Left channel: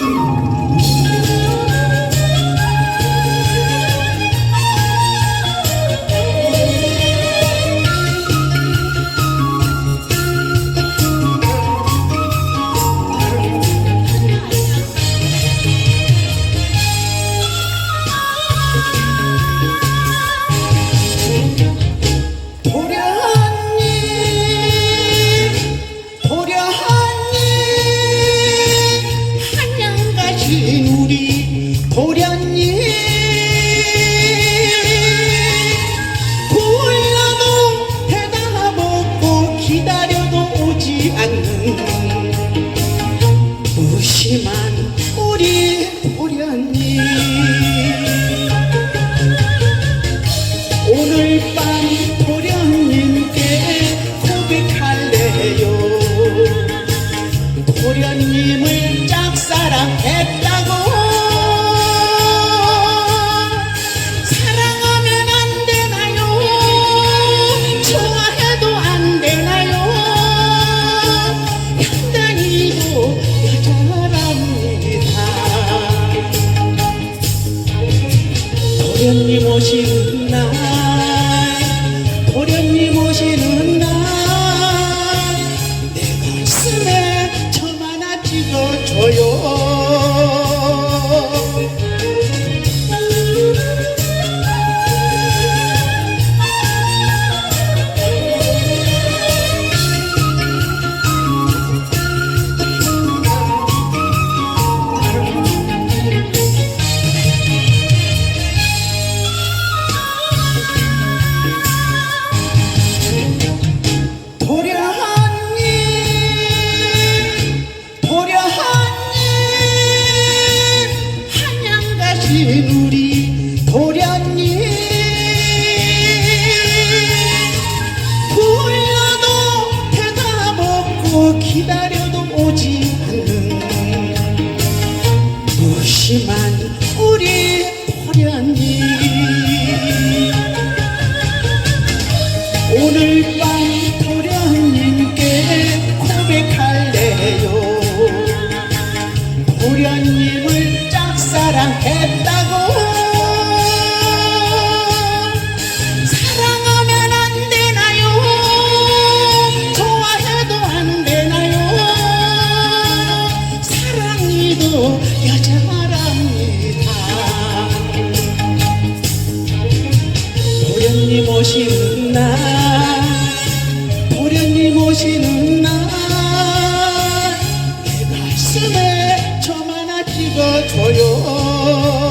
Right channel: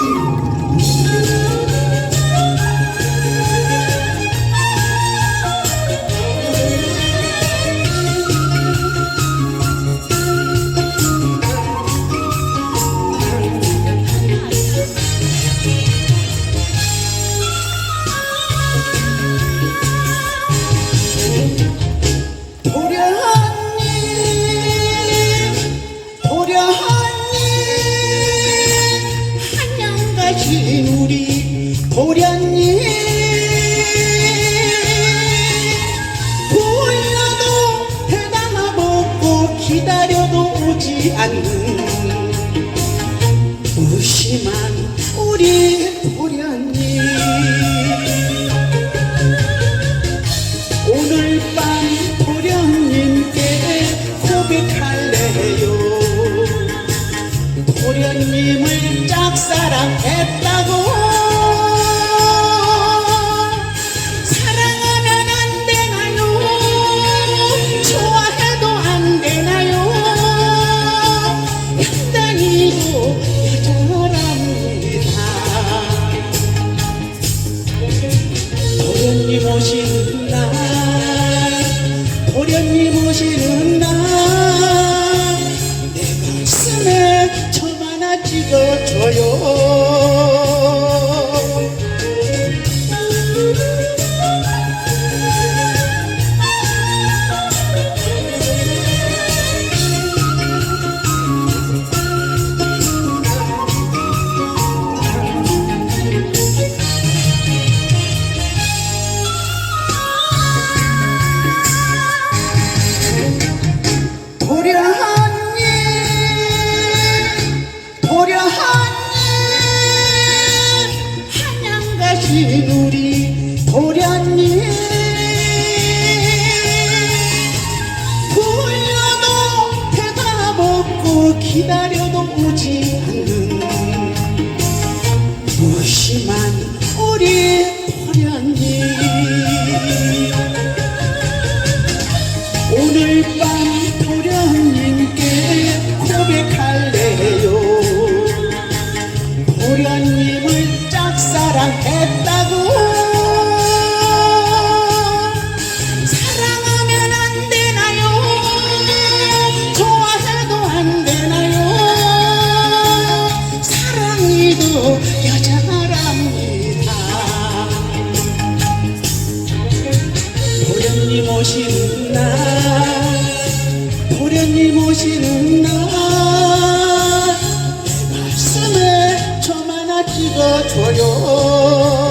도련 오지 않는 무심한 우리 도련님 오늘 밤 도련님께 고백할래요? 도련님을 도련님 오시는 날 도련님 오시는 날내 가슴에 점 하나 찍어줘요 가신 우리 도련님. 불러도 대답 없고 기다려도 오지 않는 무심한 우리 도련님. 오늘 밤 도련님께 고백할래요. 도련님 도련님 오시는 날 가슴에 점 하나 찍어줘요